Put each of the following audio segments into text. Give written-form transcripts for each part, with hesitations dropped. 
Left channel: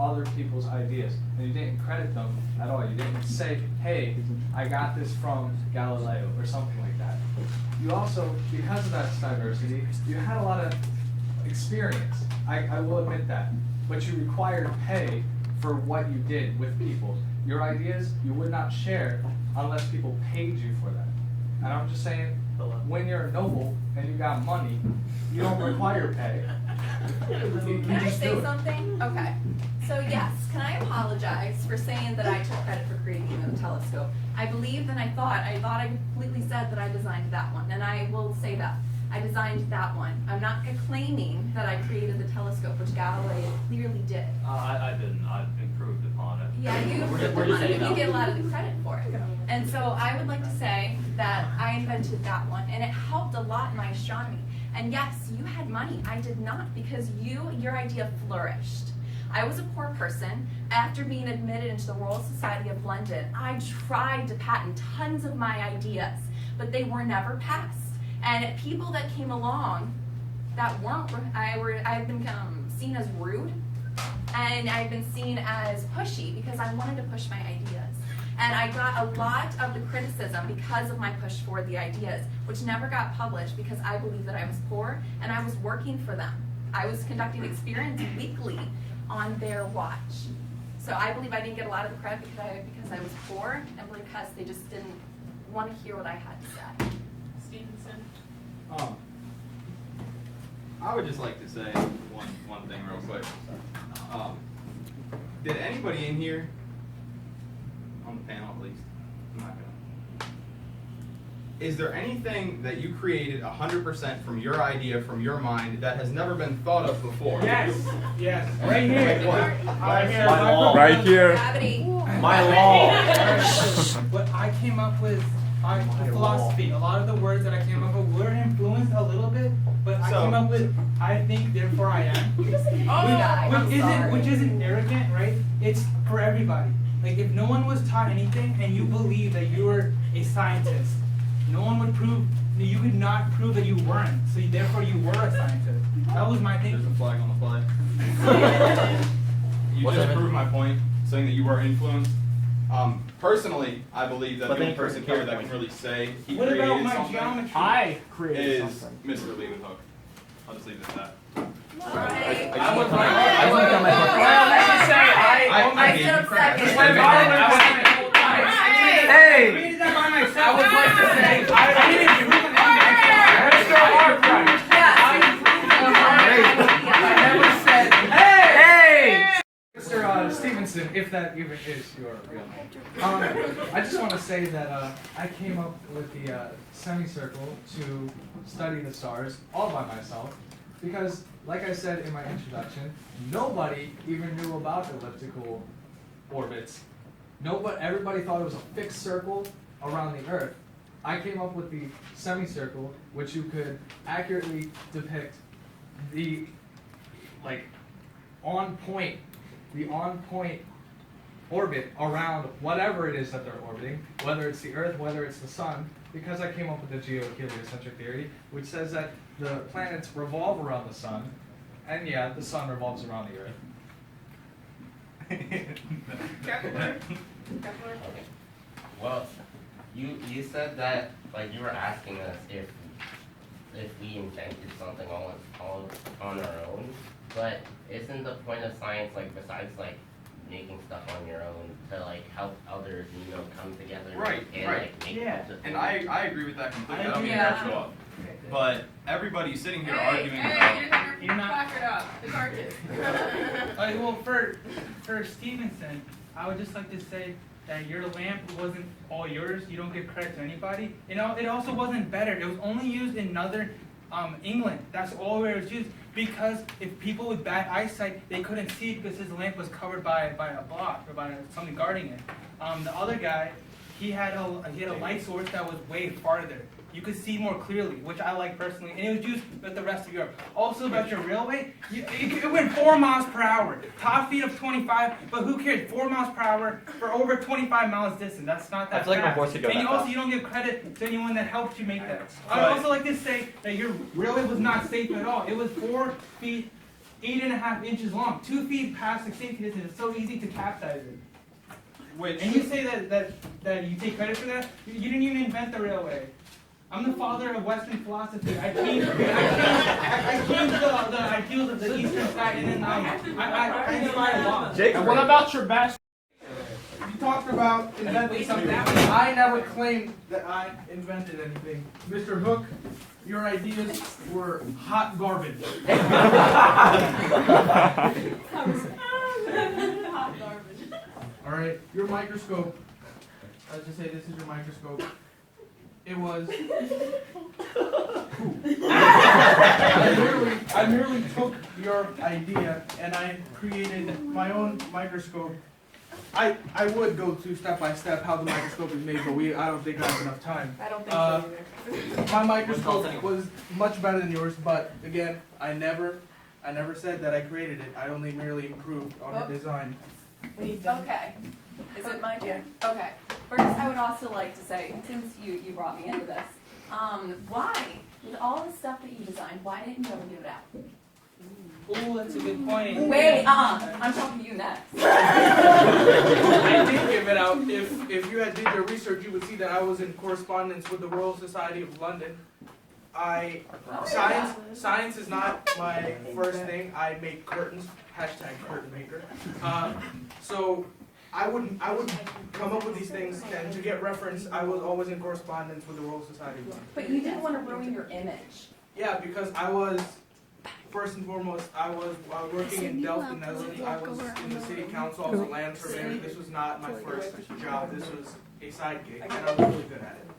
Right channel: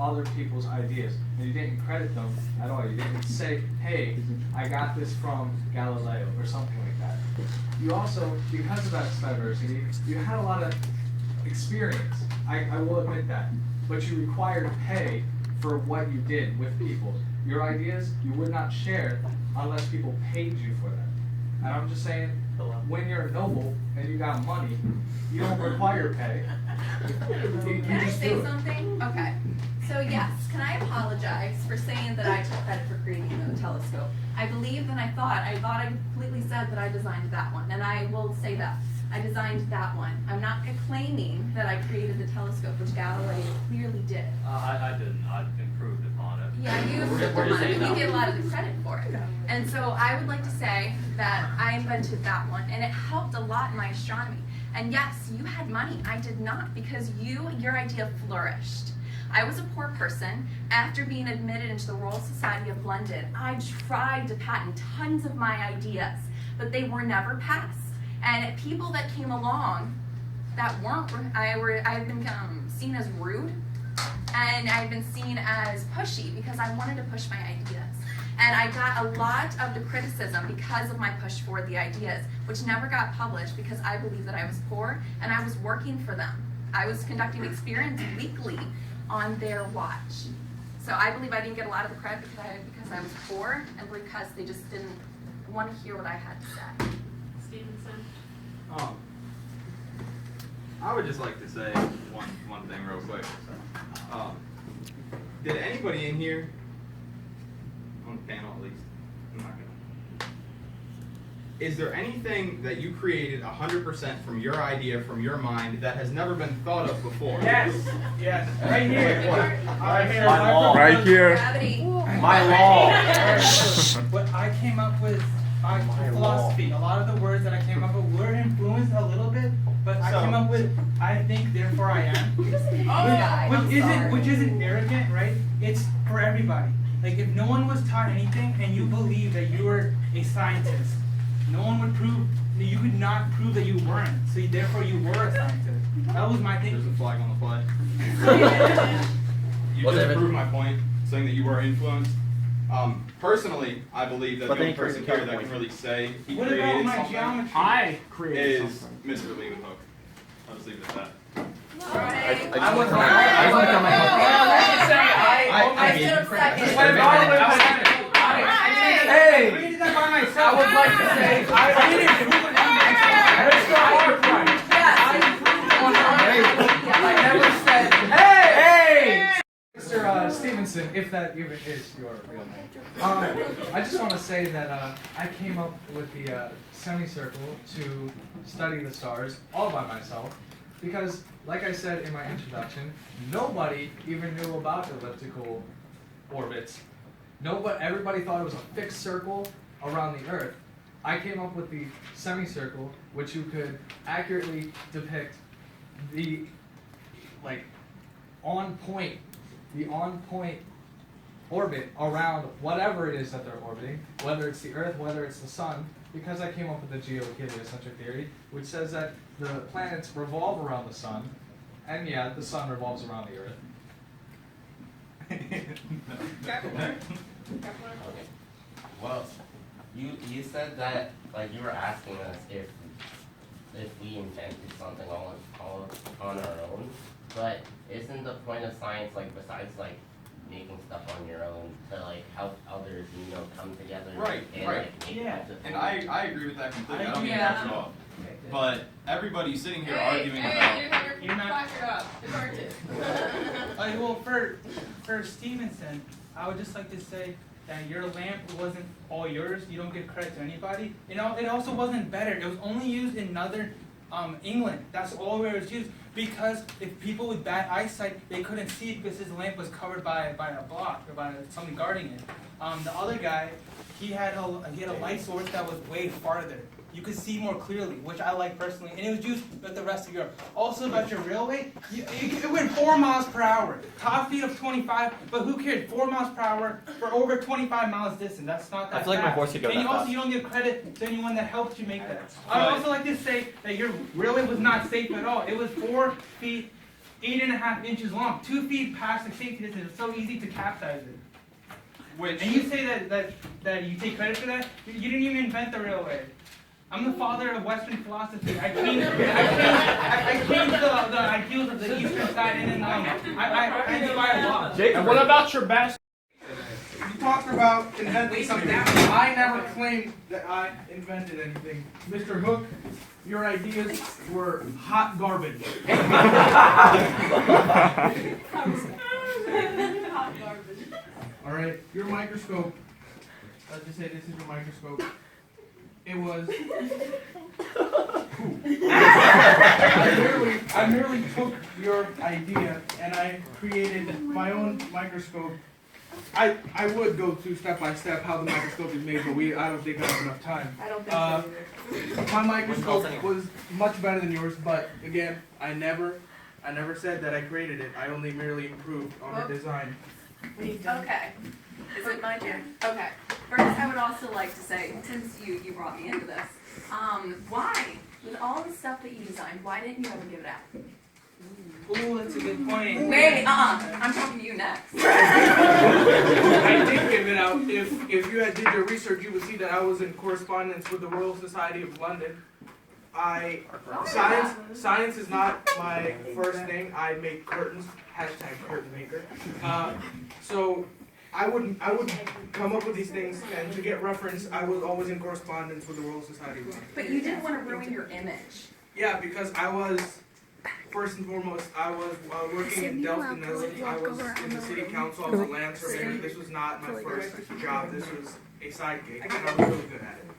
other people's ideas, and you didn't credit them at all. You didn't say, hey, I got this from Galileo or something like that. You also, because of that diversity, you had a lot of experience. I will admit that. But you required pay for what you did with people. Your ideas, you would not share unless people paid you for that. And I'm just saying, when you're a noble and you got money, you don't require pay. Can I say something? Okay. So yes, can I apologize for saying that I took credit for creating the telescope? I believed and I thought I completely said that I designed that one, and I will say that. I designed that one. I'm not claiming that I created the telescope, which Galileo clearly did. I didn't. I improved upon it. Yeah, you improved upon it, but you get a lot of the credit for it. And so I would like to say that I invented that one, and it helped a lot in my astronomy. And yes, you had money. I did not, because your idea flourished. I was a poor person. After being admitted into the Royal Society of London, I tried to patent tons of my ideas, but they were never passed. And people that came along that weren't, I've been seen as rude, and I've been seen as pushy because I wanted to push my ideas. And I got a lot of the criticism because of my push for the ideas, which never got published because I believed that I was poor and I was working for them. I was conducting experiments weekly on their watch. So I believe I didn't get a lot of the credit because I was poor and because they just didn't want to hear what I had to say. Stevenson. I would just like to say one thing real quick. Did anybody in here, on the panel at least, I'm not gonna, is there anything that you created 100% from your idea, from your mind, that has never been thought of before? Yes, yes, right here. Right here. Right here. Gravity. My law. What I came up with, philosophy. A lot of the words that I came up with were influenced a little bit, but I came up with, I think, therefore I am. Which isn't arrogant, right? It's for everybody. Like, if no one was taught anything and you believe that you were a scientist, no one would prove, you could not prove that you weren't. So therefore you were a scientist. That was my There's thinking. a flag on the flag. You just proved my point, saying that you were influenced. Personally, I believe that the only person here that can really say he What about created my something geometry? I created is something. Mr. Leeuwenhoek. I'll just leave it at that. Right. I would I stood up second. Hey! I created that by myself. I would like to say, I didn't prove it. Let's go hard right. I never said, hey! Mr. Stevenson, if that even is your real name. I just want to say that I came up with the semicircle to study the stars all by myself because, like I said in my introduction, nobody even knew about elliptical orbits. Everybody thought it was a fixed circle around the Earth. I came up with the semicircle, which you could accurately depict the on point orbit around whatever it is that they're orbiting, whether it's the Earth, whether it's the Sun, because I came up with the geoheliocentric theory, which says that the planets revolve around the Sun, and yeah, the Sun revolves around the Earth. Well, you said that, like, you were asking us if we invented something all on our own, but isn't the point of science, like, besides, like, making stuff on your own to, like, help others, come together Right, and right. like make a bunch of And things? I agree with that completely. I don't mean to Yeah. cut you off. But everybody sitting here Hey, arguing hey, about you're not it up. It's artist. Well, for Stevenson, I would just like to say that your lamp wasn't all yours. You don't give credit to anybody. It also wasn't better. It was only used in northern England. That's all where it was used. Because if people with bad eyesight, they couldn't see it because his lamp was covered by a block or by something guarding it. The other guy, he had a light source that was way farther. You could see more clearly, which I like personally, and it was used with the rest of Europe. Also about your railway, it went 4 miles per hour. Top speed of 25, but who cares? 4 miles per hour for over 25 miles distance. That's not that That's like fast. a horse to go And that you don't give credit to anyone that helped you make that. But- I'd also like to say that your railway was not safe at all. It was 4 feet 8.5 inches long, 2 feet past the safety distance. It's so easy to capsize it. Which And you say that you take credit for that? You didn't even invent the railway. I'm the father of Western philosophy. I changed the ideals of the Eastern side, and I inspired law. And what about your best? You talked about inventing something. I never claimed that I invented anything. Mr. Hook, your ideas were hot garbage. All right, your microscope. Let's just say this is your microscope. It was. I merely took your idea and I created my own microscope. I would go through step by step how the microscope is made, but I don't think I have enough time. I don't think so either. My microscope was much better than yours, but again, I never said that I created it. I only merely improved on the design. Okay. Is it my turn? Okay. First, I would also like to say, since you brought me into this, why, with all the stuff that you designed, why didn't you ever give it out? Ooh, that's a good point. Wait, I'm talking to you next. I did give it out. If you had did your research, you would see that I was in correspondence with the Royal Society of London. Science is not my first thing. I make curtains. #curtain maker. So I would come up with these things, and to get reference, I was always in correspondence with the Royal Society of London. But you didn't want to ruin your image. Yeah, because I was, first and foremost, I was working in Delft, Netherlands. I was in the city council. I was a land surveyor. This was not my first job. This was a side gig, and I was really good at it.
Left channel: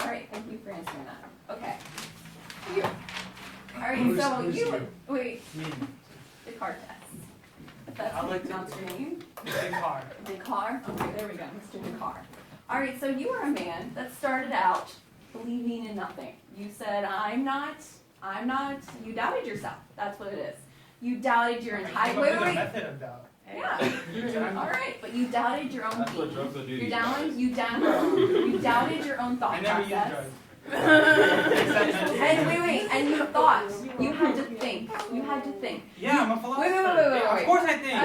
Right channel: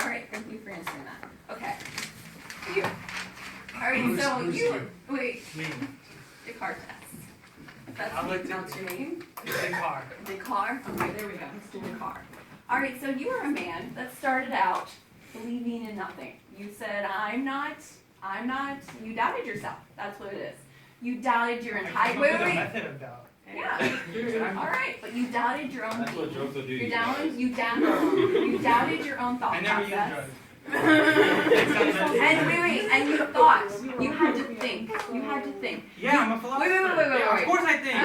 All right, thank you for answering that. Okay. You. All right, so you, wait, Descartes. That's how you pronounce your name? Descartes. Descartes? Okay, there we go, Mr. Descartes. All right, so you are a man that started out believing in nothing. You said, I'm not, you doubted yourself. That's what it is. You doubted your entire, wait. Method of doubt. Yeah. All right, but you doubted your own That's what being. drugs will do to You you. doubted your own thought I never used process. drugs. And and you thought, you had to think. Yeah, I'm a philosopher. Wait. Of course I think.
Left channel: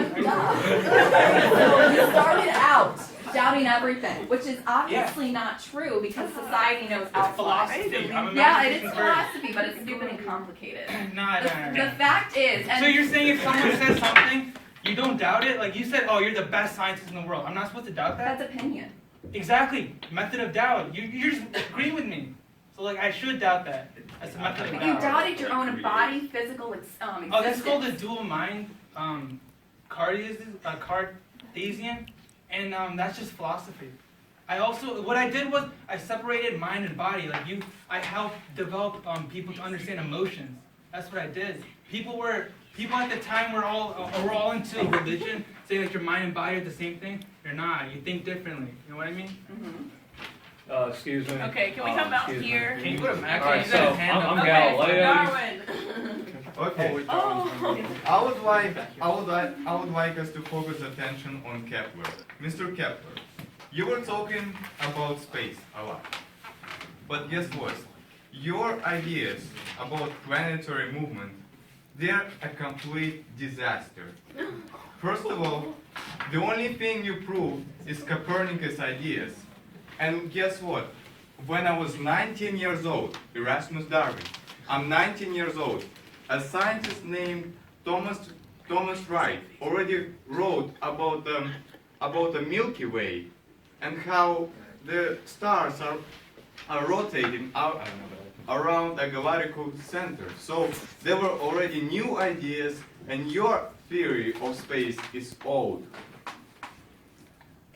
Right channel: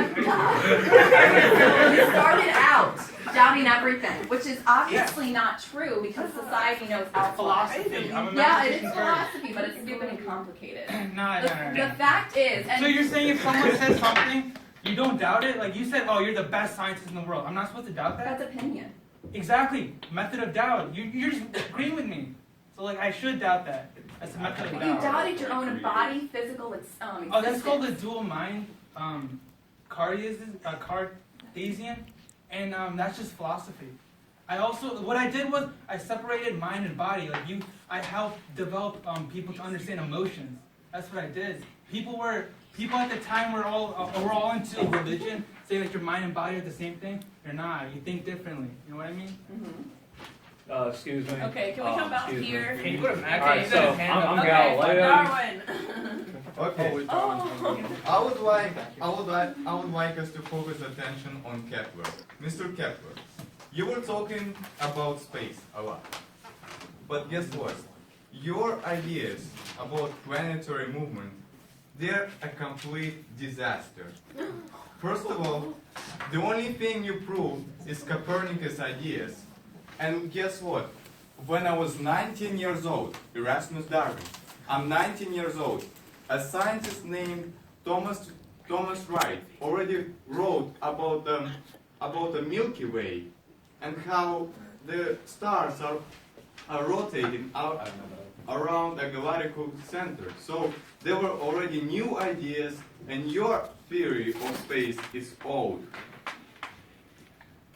You started out doubting everything, which is obviously not true because society knows outside. Philosophy. I'm a Yeah, it is mathematician first. philosophy, but it's stupid and complicated. No. The fact is, So you're saying if someone says something, you don't doubt it? Like you said, oh, you're the best scientist in the world. I'm not supposed to doubt that? that's opinion. Exactly. Method of doubt. You're just agreeing with me. So like I should doubt that. That's a method of But doubt. you doubted your own body, physical existence. Oh, that's called the dual mind, Cartesian, and that's just philosophy. What I did was I separated mind and body. Like I helped develop people to understand emotions. That's what I did. People at the time were all into religion, saying that your mind and body are the same thing. You're not. You think differently. You know what I mean? Mm-hmm. Excuse me. Okay, can we come out Excuse me. here? Can you put a Mac? Alright, You so got a hand I'm up. Galileo. Darwin. Okay. Oh. I would like us to focus attention on Kepler. Mr. Kepler, you were talking about space a lot. But guess what? Your ideas about planetary movement, they're a complete disaster. First of all, the only thing you proved is Copernicus' ideas. And guess what? When I was 19 years old, Erasmus Darwin, I'm 19 years old, a scientist named Thomas Wright already wrote about the Milky Way and how the stars are rotating out around a galactical center. So there were already new ideas, and your theory of space is old.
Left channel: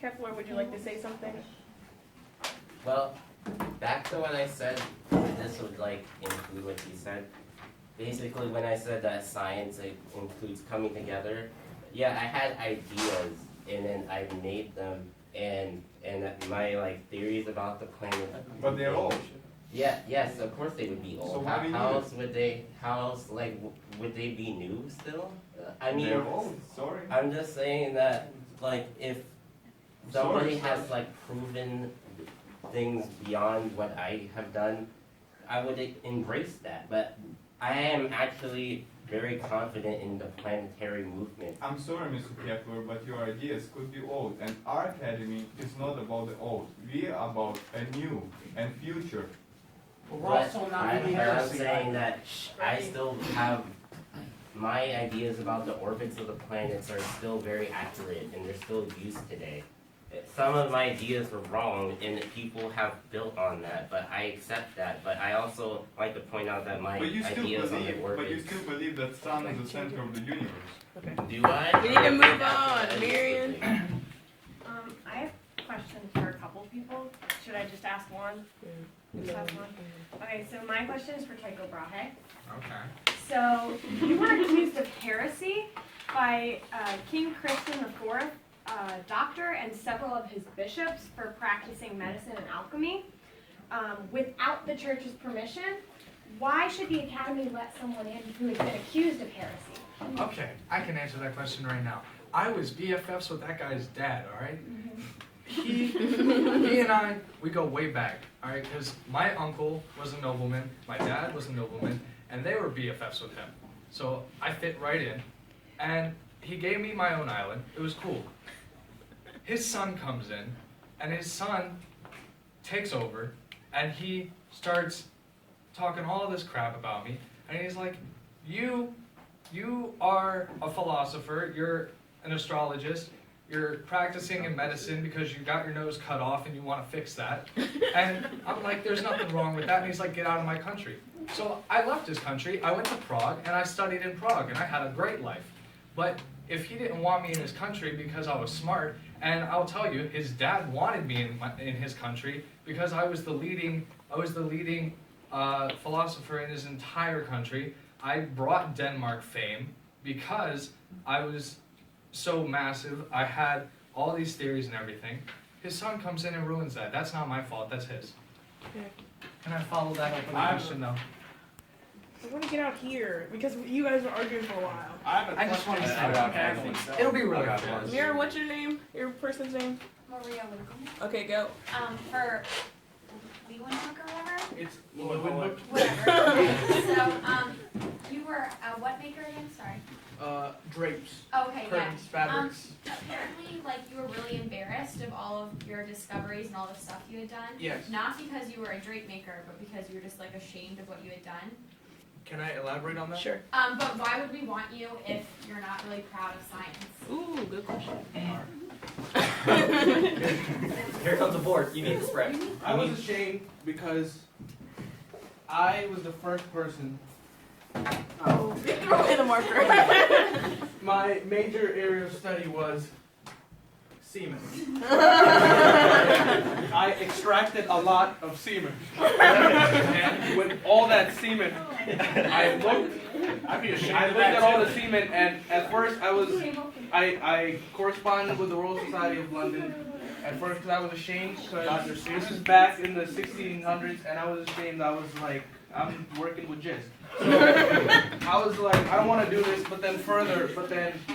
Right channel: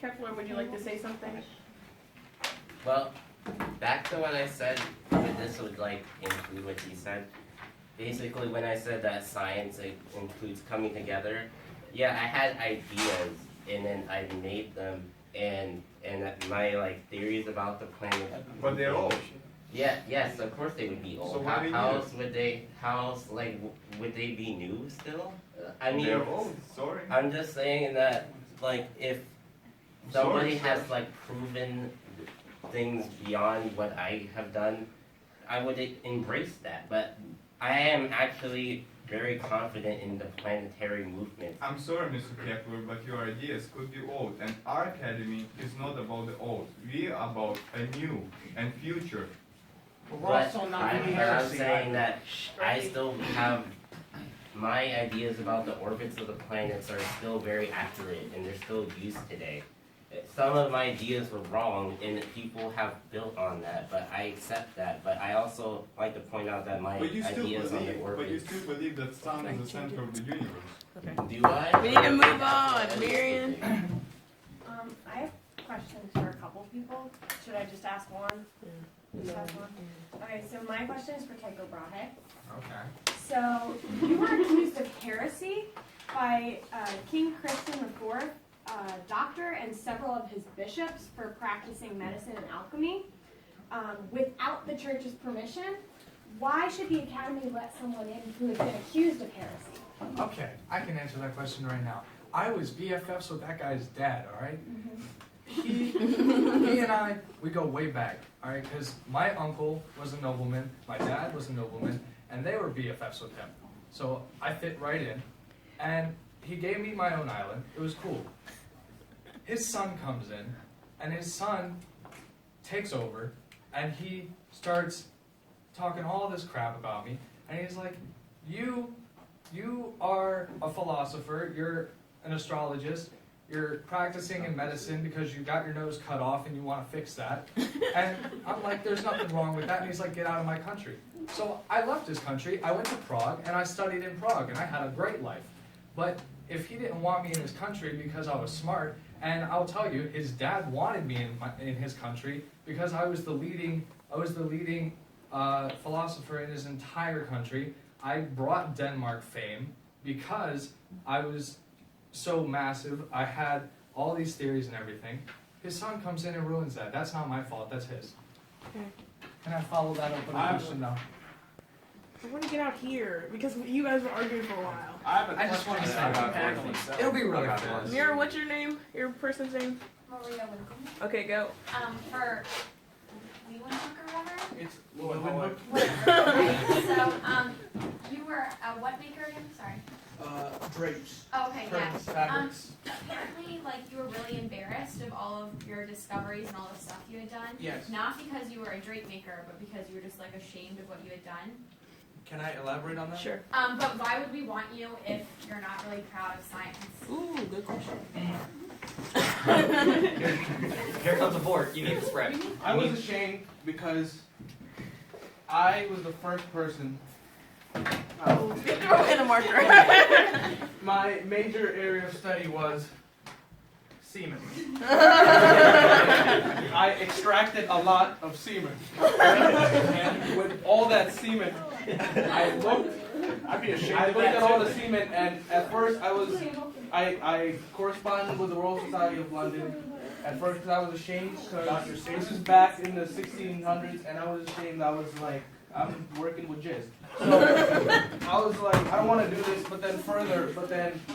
Kepler, would you like to say something? Well, back to when I said that this would like include what you said. Basically, when I said that science includes coming together, yeah, I had ideas and then I made them, and that my like theories about the planet. But they're old. Yeah, yes, of course they would be old. So why do you how do else would they? How else like would they be new still? I mean, They're old. Sorry. I'm just saying that like if somebody Sorry. has like proven things beyond what I have done, I would embrace that. But I am actually very confident in the planetary movement. I'm sorry, Mr. Kepler, but your ideas could be old, and our academy is not about the old. We are about a new and future. But I'm saying that I still have, my ideas about the orbits of the planets are still very accurate and they're still used today. Some of my ideas were wrong and people have built on that, but I accept that. But I also like to point out that my But you still ideas on the believe, orbits. believe that sun is the center of the universe. Do I? We need to move That's what on, I used to Marion. think. I have questions for a couple people. Should I just ask one? Just ask one? Okay, so my question is for Tycho Brahe. Okay. So you were accused of heresy by King Christian IV, doctor, and several of his bishops for practicing medicine and alchemy without the church's permission. Why should the academy let someone in who has been accused of heresy? Okay, I can answer that question right now. I was BFFs with that guy's dad, all right? He and I, we go way back, all right? Because my uncle was a nobleman, my dad was a nobleman, and they were BFFs with him. So I fit right in, and he gave me my own island. It was cool. His son comes in, and his son takes over, and he starts talking all this crap about me, and he's like, you are a philosopher, you're an astrologist, you're practicing in medicine because you got your nose cut off and you want to fix that. And I'm like, there's nothing wrong with that. And he's like, get out of my country. So I left his country, I went to Prague, and I studied in Prague, and I had a great life. But if he didn't want me in his country because I was smart, and I'll tell you, his dad wanted me in his country because I was the leading philosopher in his entire country. I brought Denmark fame because I was so massive. I had all these theories and everything. His son comes in and ruins that. That's not my fault, that's his. Can I follow that open question though? I want to get out here because you guys were arguing for a while. I just want to say it'll be really fun. Mira, what's your name? Your person's name? Maria Winkleman. Okay, go. For Leeuwenhoek or whatever? It's Whatever. Okay, so, you were a what maker again? Sorry. Drapes. Okay, yeah. Curtains, fabrics. Apparently, like, you were really embarrassed of all of your discoveries and all the stuff you had done. Yes. Not because you were a drape maker, but because you were just, like, ashamed of what you had done. Can I elaborate on that? Sure. But why would we want you if you're not really proud of science? Ooh, good question. Here comes a board. You need to spread. I was ashamed because I was the first person. Throw in a marker. My major area of study was semen. I extracted a lot of semen. And with all that semen, I looked at all the semen, and at first I corresponded with the Royal Society of London. At first, because I was ashamed, because this is back in the 1600s, and I was ashamed. I was like, I'm working with jizz. So I was like, I don't want to do this, but then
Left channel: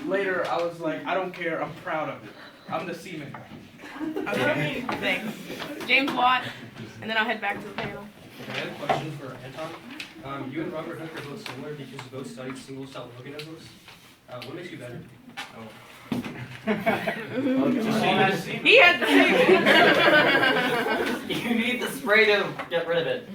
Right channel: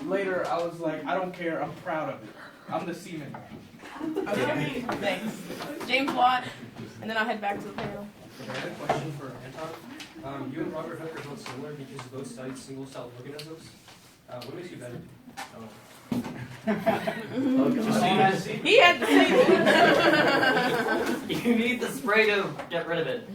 later I was like, I don't care, I'm proud of it. I'm the semen guy. Okay, thanks. James Watt, and then I'll head back to the panel. I had a question for Anton. You and Robert Hooke are both similar because you both studied single-cell organisms. What makes you better? He had to say You need the spray to get rid of it.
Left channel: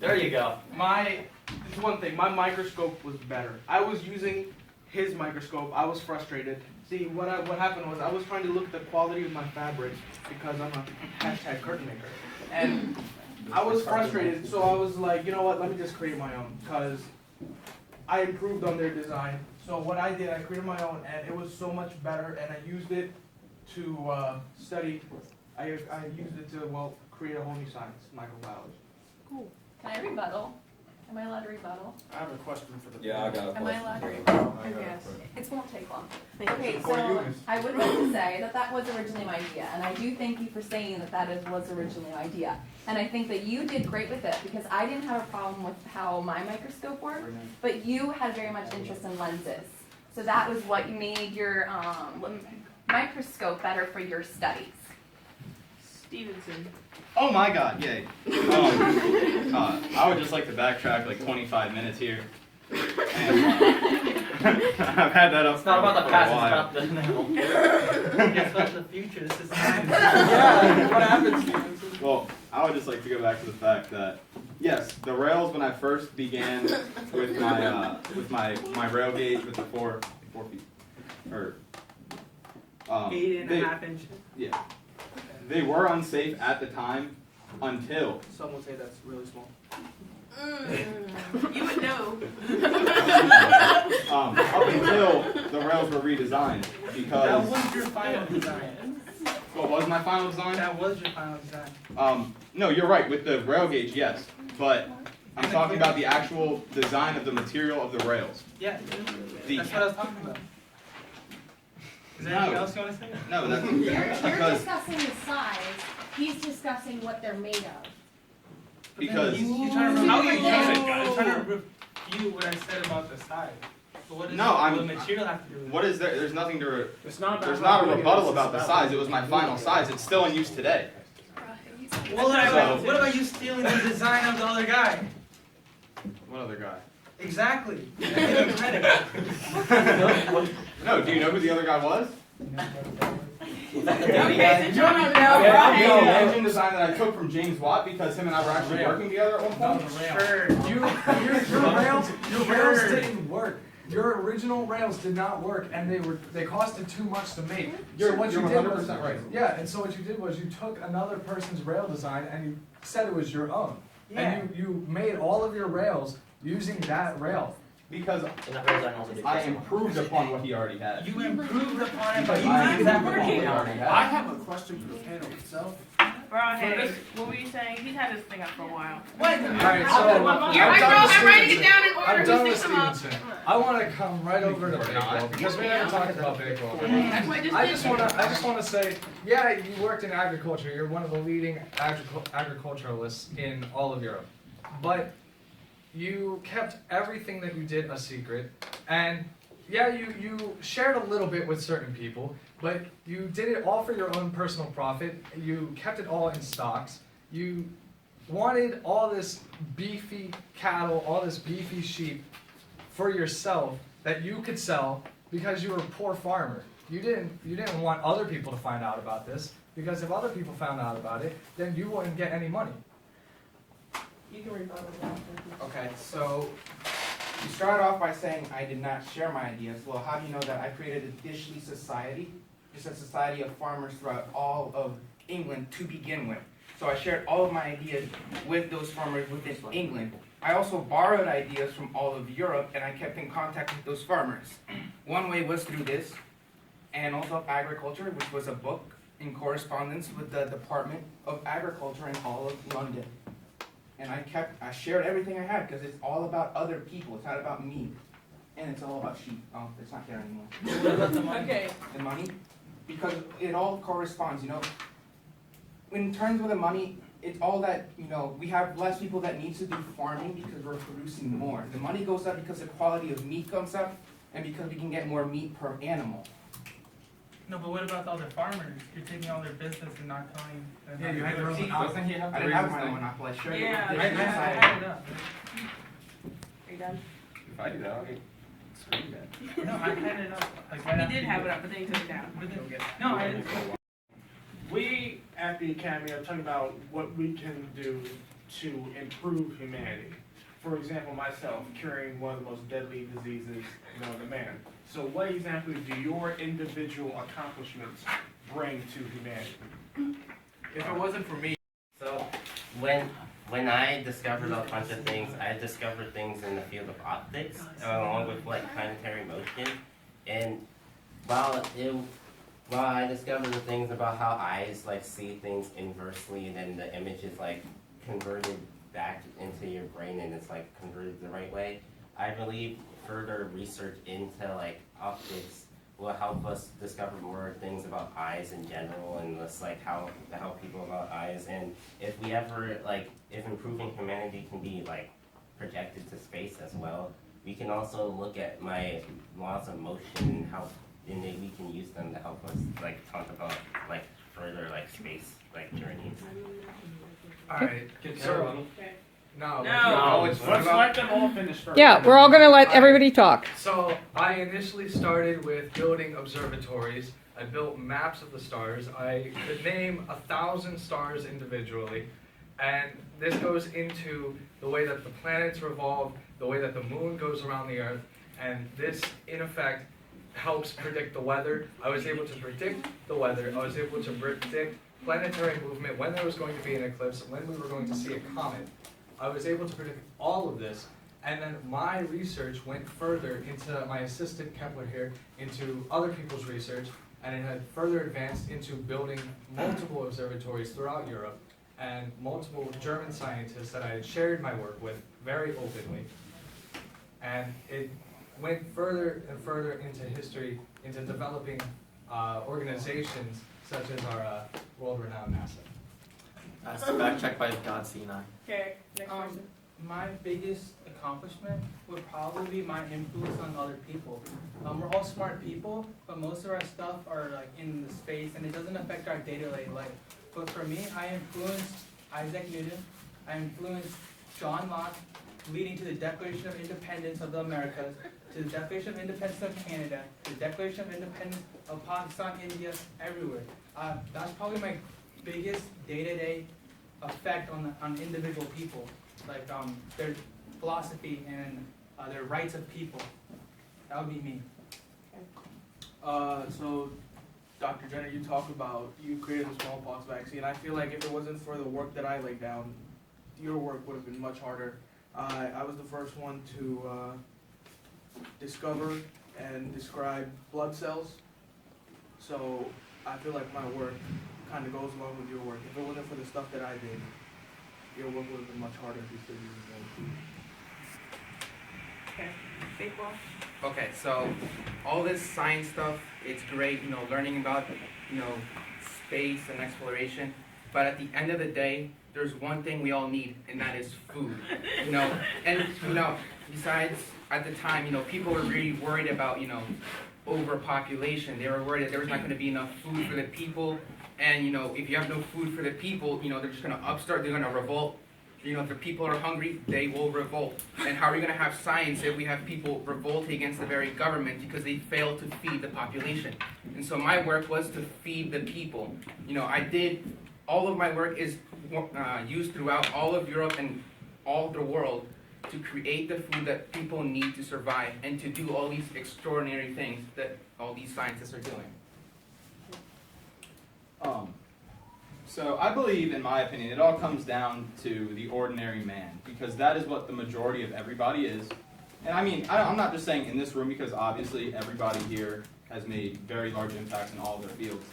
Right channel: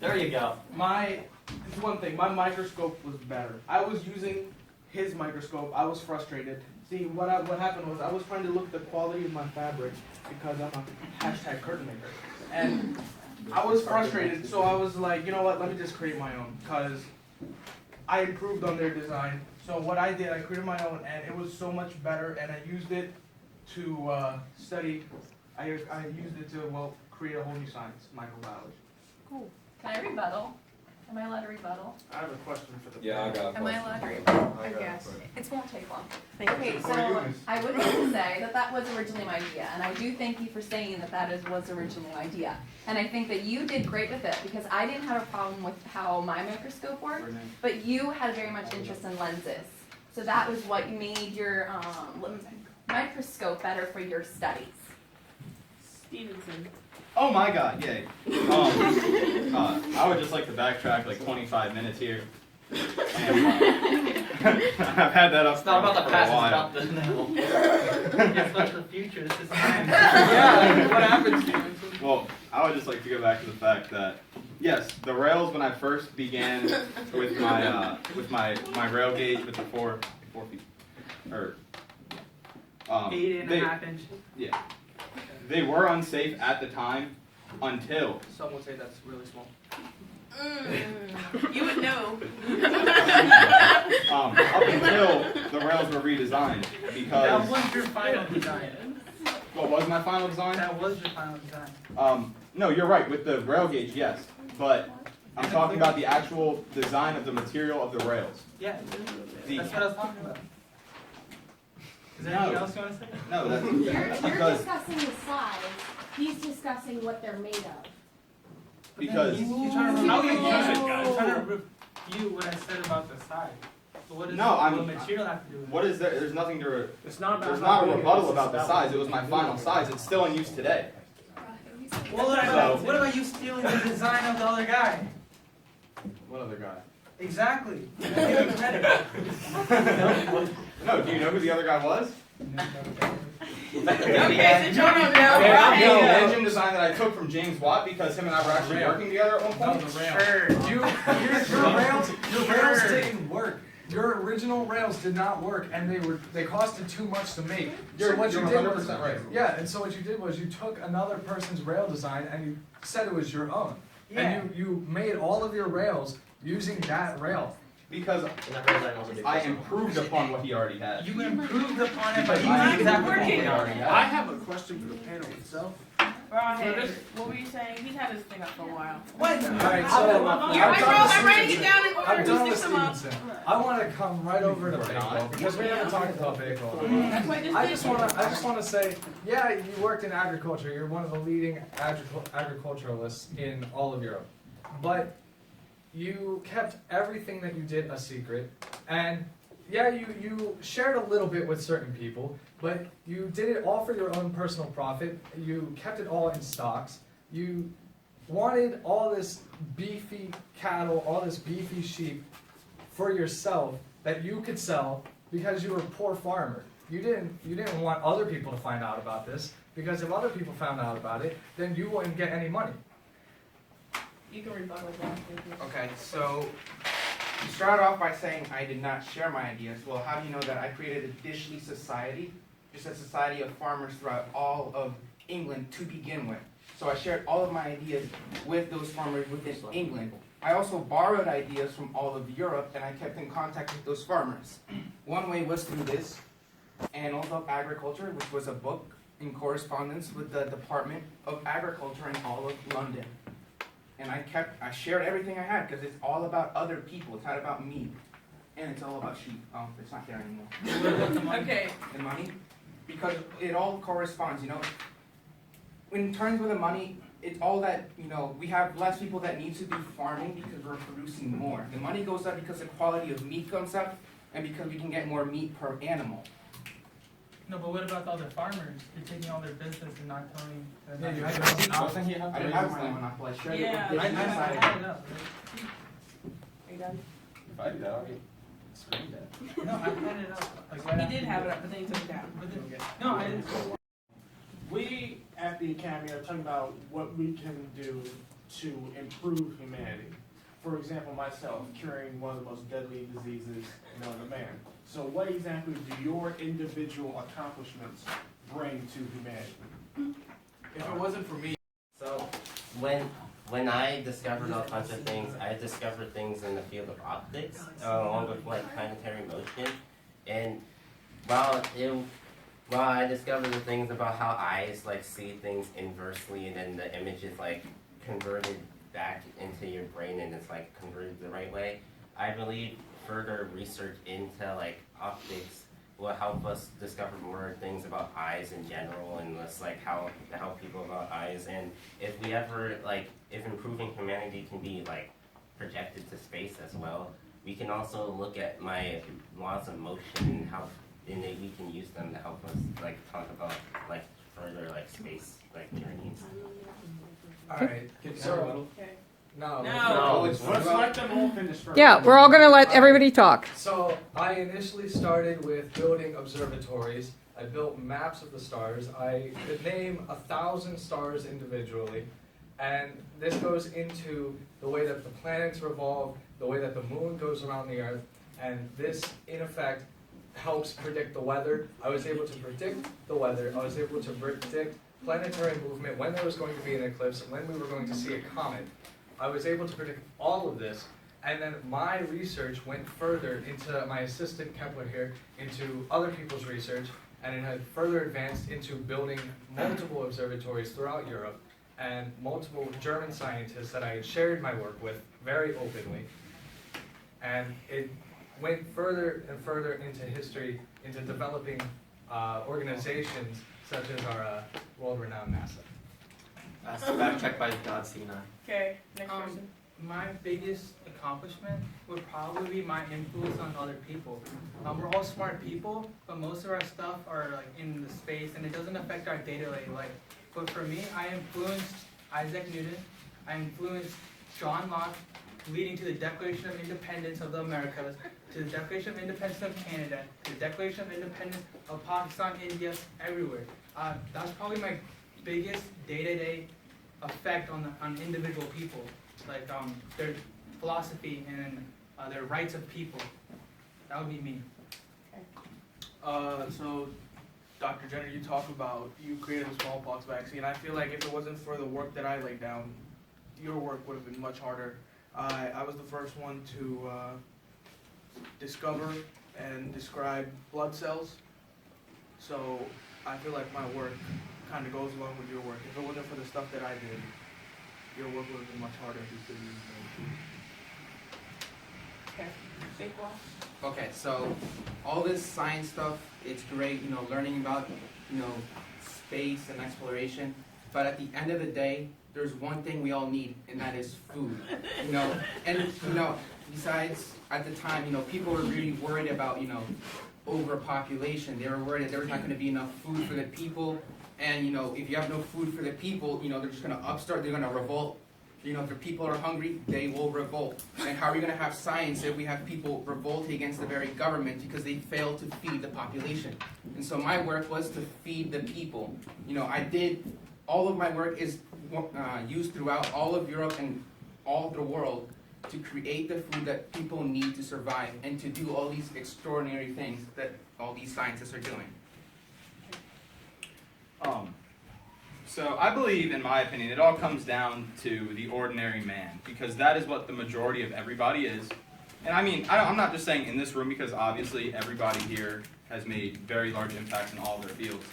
There you go. It's one thing, my microscope was better. I was using his microscope, I was frustrated. See, what happened was I was trying to look at the quality of my fabric because I'm a hashtag curtain maker. And I was frustrated, so I was like, you know what, let me just create my own, because I improved on their design. So what I did, I created my own, and it was so much better, and I used it to study, I used it to, well, create a whole new science, microbiology. Cool. Can I rebuttal? Am I allowed to rebuttal? I have a question for the. Yeah, I got a Am I question. allowed to rebuttal? I got a Yes. question. It won't take long. Thank Okay, For you, so Miss. I would like to say that was originally my idea, and I do thank you for saying that was originally my idea. And I think that you did great with it, because I didn't have a problem with how my microscope worked, but you had very much interest in lenses. So that was what made your microscope better for your studies. Stevenson. Oh my God, yay. I would just like to backtrack like 25 minutes here. And, I've had that up It's not about the for past, a while. it's about the It's about the future. This is time. Yeah, what happened, Stevenson? Well, I would just like to go back to the fact that, yes, the rails when I first began with my rail gauge with the 4 feet, or 8.5 inches. yeah, they were unsafe at the time until Some would say that's really small. You would know. up until the rails were redesigned That because was your final design. what was my final design? That was your final design. No, you're right with the rail gauge, yes, but I'm talking about the actual design of the material of the rails. Yeah. The- That's what I was talking about. Is there No. anything else you want to say? No, that's You're because discussing the size, he's discussing what they're made of. because He's trying to How you refute- use it, guys? He's trying to refute what I said about the size. But what does No, the I'm- material have to do with it? what is there? There's nothing to. It's not. There's not a rebuttal about the size. It was my final size. It's still in use today. Well, So- what about you stealing the design of the other guy? What other guy? Exactly. Give him credit. No, do you know who the other guy was? Okay, so John, The engine design that I took from James Watt because him and I were actually Rail. working together at one No, point. the rail. Sure. Your rails didn't work. Your original rails did not work, and they costed too much to make. You're what you did was 100% right. yeah, and so what you did was you took another person's rail design and you said it was your own, Yeah. and you made all of your rails using that rail. Because I improved upon what he already had. You improved upon it, but Because you I did improved exactly upon what what he he already did. had. I have a question for the panel itself. Rawhead, what were you saying? He's had this thing up for a while. What? Alright, so I'm writing it down in order. I'm done with Stick them up. Stevenson. I want to come right over to Bakewell because we haven't talked about Bakewell. I just want to say, yeah, you worked in agriculture. You're one of the leading agriculturalists in all of Europe, but you kept everything that you did a secret, and yeah, you shared a little bit with certain people, but you did it all for your own personal profit. You kept it all in stocks. You wanted all this beefy cattle, all this beefy sheep for yourself that you could sell because you were a poor farmer. You didn't want other people to find out about this, because if other people found out about it, then you wouldn't get any money. You can rebuttal that. Okay, so you started off by saying I did not share my ideas. Well, how do you know that? I created a Dishley Society, just a society of farmers throughout all of England to begin with. So I shared all of my ideas with those farmers within England. I also borrowed ideas from all of Europe, and I kept in contact with those farmers. One way was through this, Annals of Agriculture, which was a book in correspondence with the Department of Agriculture in all of London. And I shared everything I had because it's all about other people. It's not about me. And it's all about sheep. Oh, it's not there anymore. What about the money? Okay. The money? Because it all corresponds, you know. In terms of the money, it's all that, you know, we have less people that need to do farming because we're producing more. The money goes up because the quality of meat comes up and because we can get more meat per animal. No, but what about the other farmers? You're taking all their business and not telling them. Yeah, you had your your own secret. monopoly. I didn't have my own monopoly. I shared it Yeah. with I Dishley Society. had it up. Are you done? If I do that, I'll get screamed at. No, I had it up. Like right He did after have you- it up, but then he took it down. But then- No, I didn't. We at the Academy are talking about what we can do to improve humanity. For example, myself, curing one of the most deadly diseases known to man. So what exactly do your individual accomplishments bring to humanity? If it wasn't for me, So when I discovered a bunch of things, I discovered things in the field of optics, along with like planetary motion. And while I discovered the things about how eyes like see things inversely, and then the image is like converted back into your brain and it's like converted the right way, I believe further research into like optics will help us discover more things about eyes in general, and just like how to help people about eyes. And if we ever like, if improving humanity can be like projected to space as well, we can also look at my laws of motion and how, and then we can use them to help us like talk about like further like space like journeys. All right, so No. Let's let them all finish first. Yeah, we're all gonna let everybody talk. So I initially started with building observatories. I built maps of the stars. I could name 1,000 stars individually. And this goes into the way that the planets revolve, the way that the moon goes around the Earth, and this, in effect, helps predict the weather. I was able to predict the weather. I was able to predict planetary movement, when there was going to be an eclipse, when we were going to see a comet. I was able to predict all of this, and then my research went further into my assistant Kepler here, into other people's research, and it had further advanced into building multiple observatories throughout Europe, and multiple German scientists that I had shared my work with very openly. And it went further and further into history, into developing organizations such as our world-renowned NASA. Fact checked by God Sinai. Okay, next person. My biggest accomplishment would probably be my influence on other people. We're all smart people, but most of our stuff are like in the space, and it doesn't affect our day-to-day life. But for me, I influenced Isaac Newton. I influenced John Locke, leading to the Declaration of Independence of the Americas, to the Declaration of Independence of Canada, to the Declaration of Independence of Pakistan, India, everywhere. That's probably my biggest day-to-day effect on individual people, like their philosophy and their rights of people. That would be me. So, Dr. Jenner, you talk about you created the smallpox vaccine. I feel like if it wasn't for the work that I laid down, your work would have been much harder. I was the first one to discover and describe blood cells. So I feel like my work kind of goes along with your work. If it wasn't for the stuff that I did, your work would have been much harder because you Okay, big wall. Okay, so all this science stuff, it's great, learning about, space and exploration. But at the end of the day, there's one thing we all need, and that is food. And besides, at the time, people were really worried about, overpopulation. They were worried that there was not going to be enough food for the people. And, if you have no food for the people, they're just going to upstart, they're going to revolt. If the people are hungry, they will revolt. And how are we going to have science if we have people revolting against the very government because they fail to feed the population? And so my work was to feed the people. All of my work is used throughout all of Europe and all of the world to create the food that people need to survive and to do all these extraordinary things that all these scientists are doing. So I believe, in my opinion, it all comes down to the ordinary man, because that is what the majority of everybody is. And I mean, I'm not just saying in this room, because obviously everybody here has made very large impacts in all of their fields.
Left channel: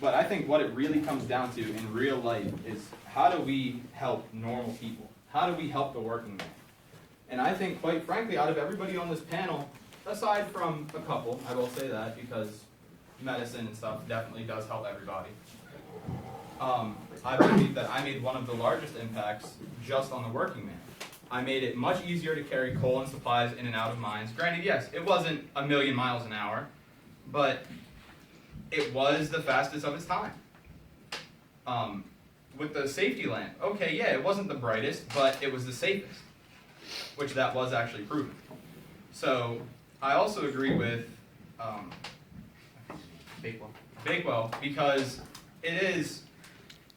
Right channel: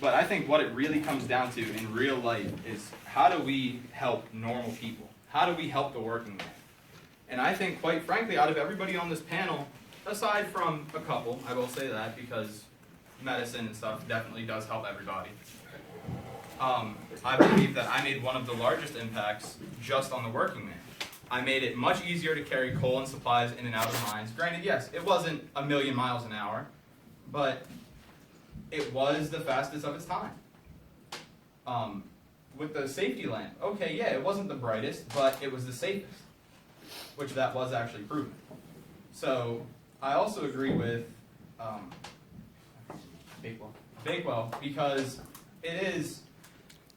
But I think what it really comes down to in real life is, how do we help normal people? How do we help the working man? And I think, quite frankly, out of everybody on this panel, aside from a couple, I will say that, because medicine and stuff definitely does help everybody. I believe that I made one of the largest impacts just on the working man. I made it much easier to carry coal and supplies in and out of mines. Granted, yes, it wasn't 1,000,000 miles an hour, but it was the fastest of its time. With the safety lamp, okay, yeah, it wasn't the brightest, but it was the safest, which that was actually proven. So I also agree with Bakewell, because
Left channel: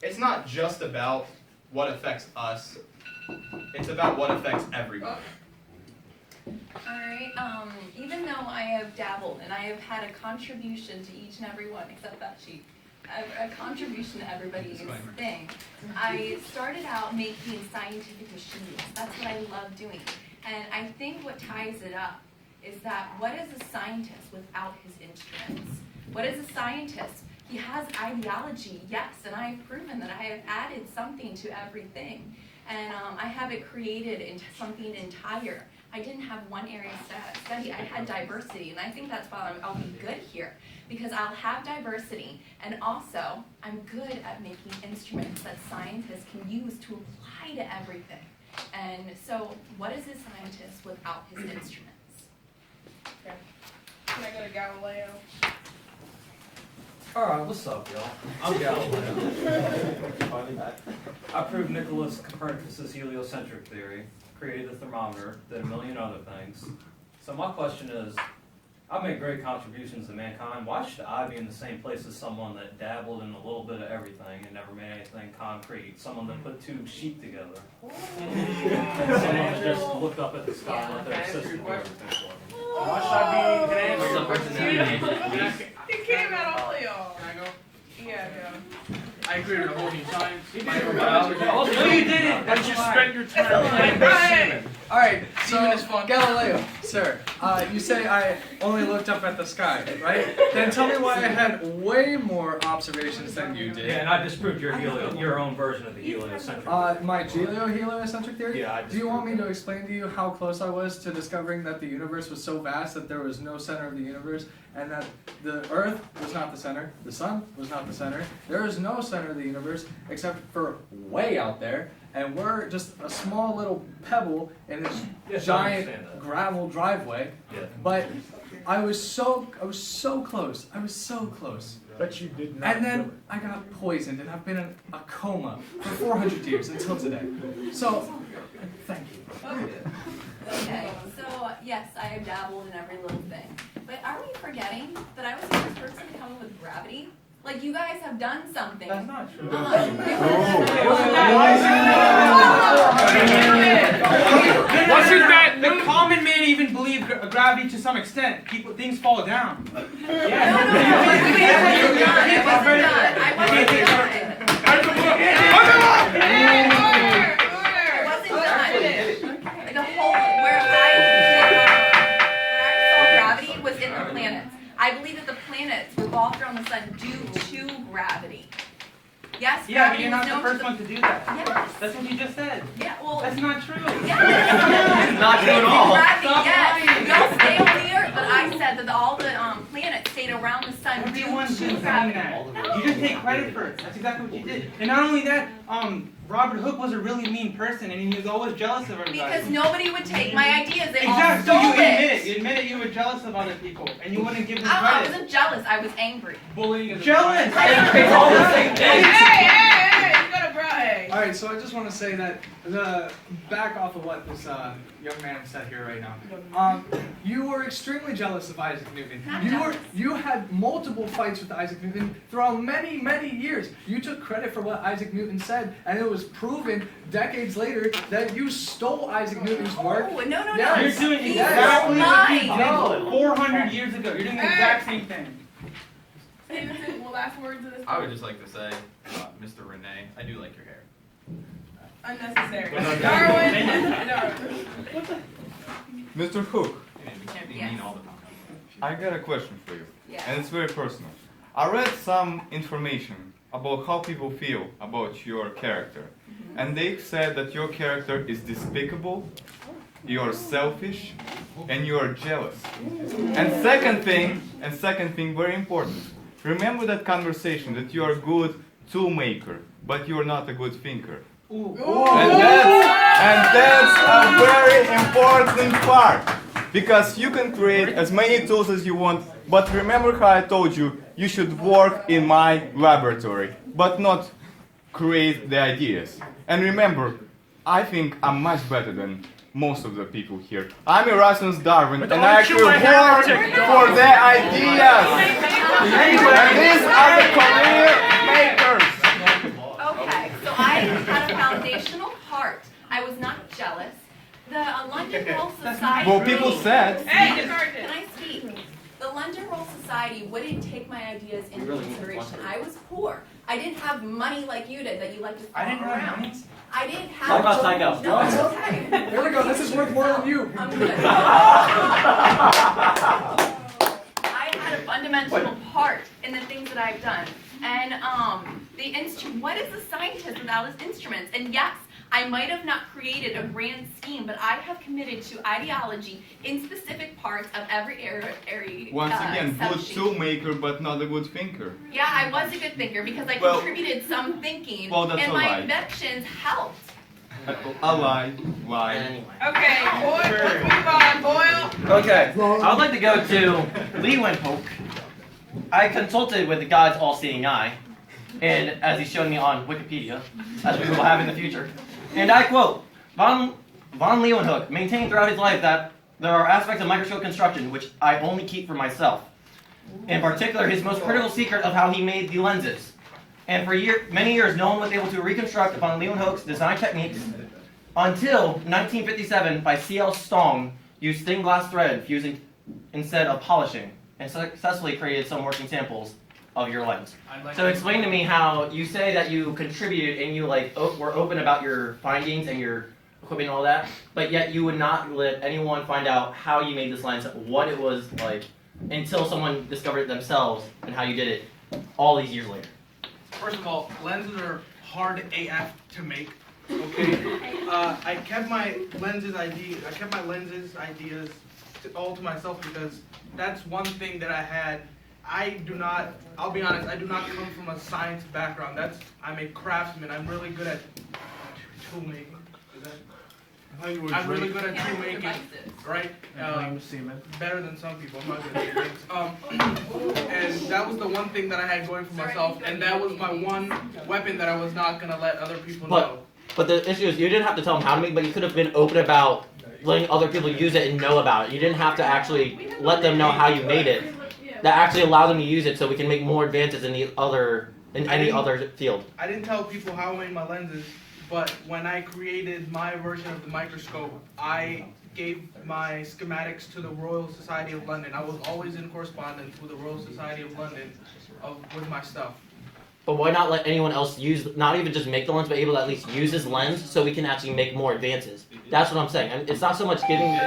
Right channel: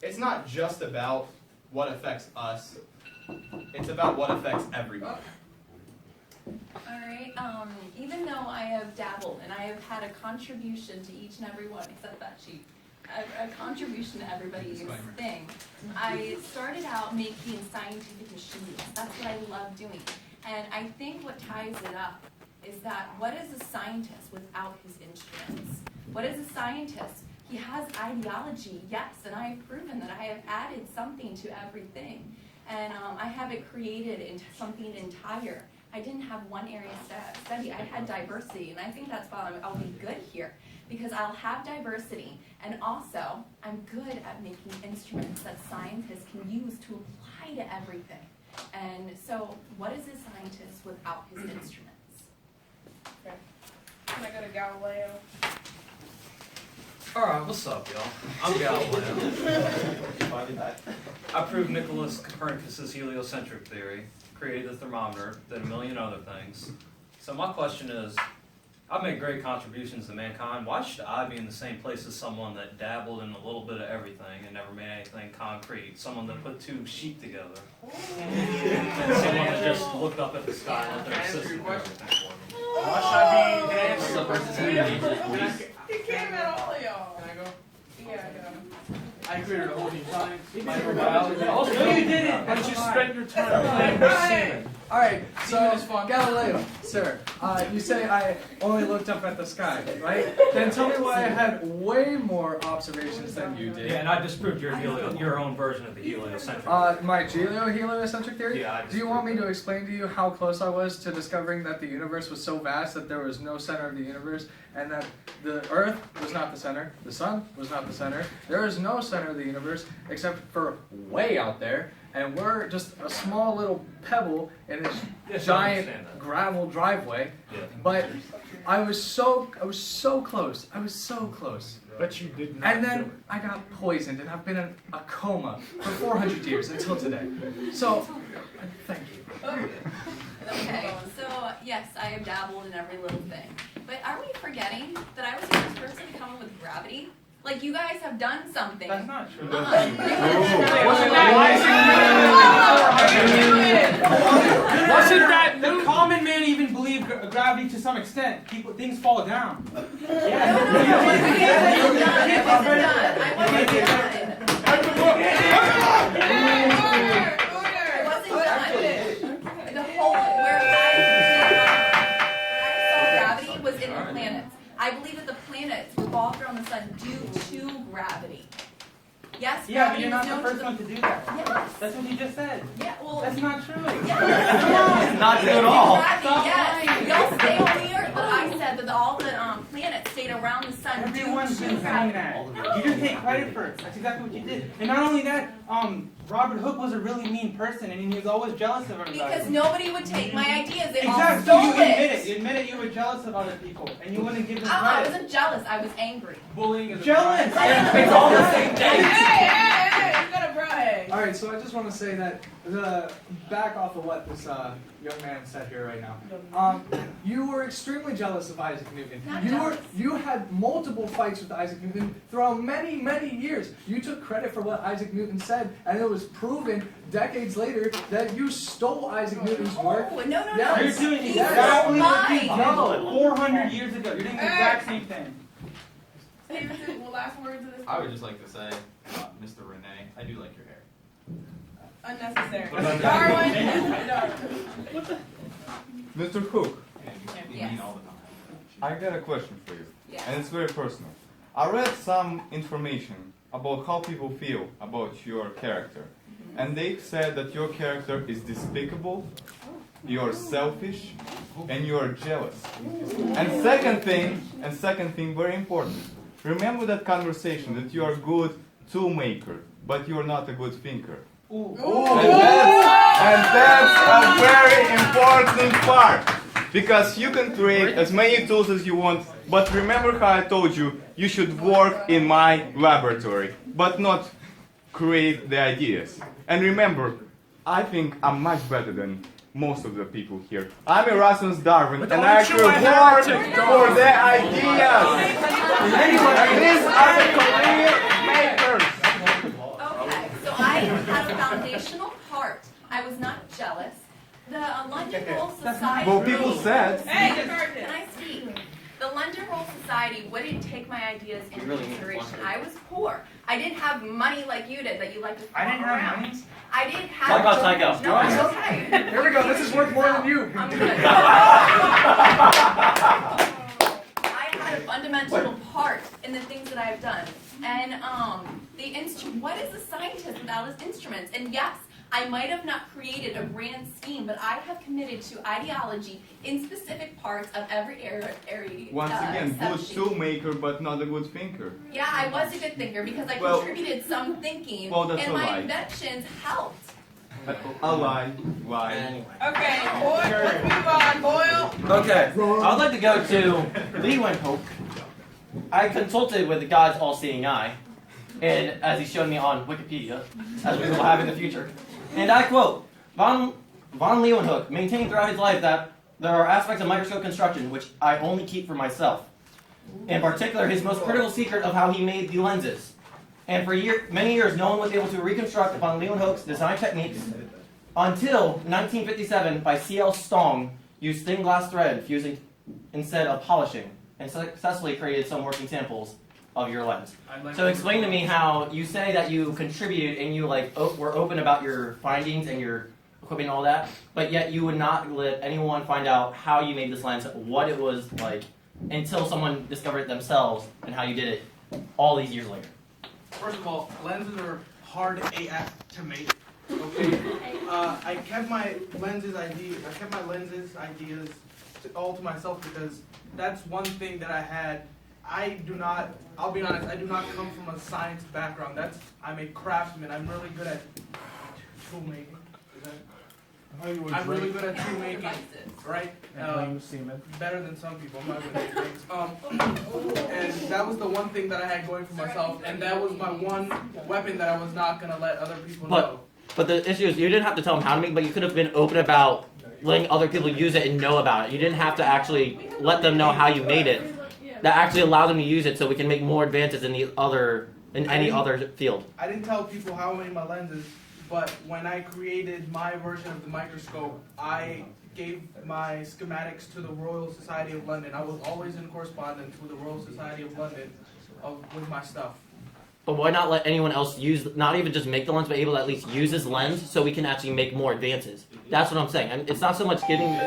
it's not just about what affects us, it's about what affects everybody. Alright, even though I have dabbled and I have had a contribution to each and every one, except that sheet, a contribution to everybody's thing, I started out making scientific machines. That's what I love doing. And I think what ties it up is that what is a scientist without his instruments? What is a scientist? He has ideology, yes, and I have proven that I have added something to everything. And I have it created into something entire. I didn't have one area to study, I had diversity, and I think that's why I'll be good here, because I'll have diversity, and also, I'm good at making instruments that scientists can use to apply to everything. And so, what is a scientist without his instruments? Okay. Can I go to Galileo? Alright, what's up, y'all? I'm Galileo. Finally back. I proved Nicholas Copernicus's heliocentric theory, created the thermometer, did a million other things. So my question is, I've made great contributions to mankind. Why should I be in the same place as someone that dabbled in a little bit of everything and never made anything concrete? Someone that put two sheep together. And someone that just looked up at the sky and let their assistant do everything for them. Why should I be? Can I answer your question? It came out all of y'all. Can I go? Yeah. I created a whole new science. No, you didn't. But you spent your time like All right, Semen so is fun. Galileo, sir, you say I only looked up at the sky, right? Then tell me why I had way more observations than you did. Yeah, and I disproved your own version of the heliocentric. My heliocentric theory? Yeah, Do you want me to explain to you how close I was to discovering that the universe was so vast that there was no center of the universe, and that the Earth was not the center, the Sun was not the center, there is no center of the universe except for way out there, and we're just a small little pebble in this Yes, I giant understand that. gravel driveway. Yeah. But I was so close. I was so close. But you did not. And then I got poisoned, and I've been in a coma for 400 years until today. So, thank you. Okay, so yes, I have dabbled in every little thing. But are we forgetting that I was the first person to come up with gravity? Like, you guys have done something. That's not true. Wasn't that the common man even believed gravity to some extent? Things fall down. The whole where I saw gravity was in the planets. I believe that the planets revolved around the sun due to gravity. Yes, Yeah, but gravity you're was not the known first to one to do that. Yes. That's what you just said. Yeah, well. That's not true. Yes. Not true at all. Gravity, Stop yes. lying. Y'all stay on the earth, but I said that all the planets stayed around the sun Everyone's due been to saying gravity. that. You just take credit for it. That's exactly what you did. And not only that, Robert Hooke was a really mean person, and he was always jealous of everybody. Because nobody would take my ideas. They Exactly. all So you stole admit it. it. You admitted you were jealous of other people, and you wouldn't give them I credit. wasn't jealous. I was angry. Bullying is jealous. It's all the same thing. Hey, you gotta brag. All right, so I just want to say that back off of what this young man said here right now. You were extremely jealous of Isaac Newton. You had multiple fights with Isaac Newton throughout many, many years. You took credit for what Isaac Newton said, and it was proven decades later that you stole Isaac Newton's work. Oh, no. You're doing exactly what you did 400 years ago. You're doing the exact same thing. Stevenson, well, last words of this. I would just like to say, Mr. Renee, I do like your hair. Unnecessary. Darwin. Mr. Hook, You mean all the time. I got a question for you, Yes. and it's very personal. I read some information about how people feel about your character, and they said that your character is despicable, you're selfish, and you're jealous. And second thing, very important. Remember that conversation that you are a good tool maker, but you're not a good thinker. And that's a very important part, because you can create as many tools as you want, but remember how I told you, you should work in my laboratory, but not create the ideas. And remember, I think I'm much better than most of the people here. I'm Erasmus Darwin, and I actually work for the ideas. And these are the career makers. Okay, so I had a foundational part. I was not jealous. The London Royal Society. Well, people said. Can I speak? The London Royal Society wouldn't take my ideas into consideration. I was poor. I didn't have money like you did that you like to I didn't flaunt have around. money. I didn't have. Talk about Tycho. No, it's okay. There we go. This is worth more than you. I'm good. I had a fundamental part in the things that I've done. And what is a scientist without his instruments? And yes, I might have not created a grand scheme, but I have committed to ideology in specific parts of every area. Once again, good subsheet. tool maker, but not a good thinker. Yeah, I was a good thinker because I Well- contributed some thinking, Well, that's and a my lie. inventions helped. A lie. Okay, let's move on. Boyle. Okay, I would like to go to Lee Windhoek I consulted with God's all-seeing eye, and as he's shown me on Wikipedia, as we will have in the future, and I quote, von Leeuwenhoek maintained throughout his life that there are aspects of microscope construction which I only keep for myself. In particular, his most critical secret of how he made the lenses. And for many years, no one was able to reconstruct von Leeuwenhoek's design techniques until 1957 by C.L. Stong used thin glass thread fusing instead of polishing, and successfully created some working samples of your lens. So explain to me how you say that you contributed and you were open about your findings and your equipment and all that, but yet you would not let anyone find out how you made this lens, what it was like, until someone discovered it themselves and how you did it all these years later. First of all, lenses are hard AF to make. Okay, I kept my lenses ideas all to myself because that's one thing that I had. I'll be honest, I do not come from a science background. I'm a craftsman. I'm really good at tool making. I'm really good at tool making, right? Better than some people. I'm not good at things. And that was the one thing that I had going for myself, and that was my one weapon that I was not gonna let other people know. But the issue is, you didn't have to tell them how to make, but you could have been open about letting other people use it and know about it. You didn't have to actually let them know how you made it. That actually allowed them to use it so we can make more advances in any other field. I didn't tell people how I made my lenses, but when I created my version of the microscope, I gave my schematics to the Royal Society of London. I was always in correspondence with the Royal Society of London with my stuff. But why not let anyone else use, not even just make the lens, but able to at least use this lens so we can actually make more advances? That's what I'm saying. And it's not so much getting the...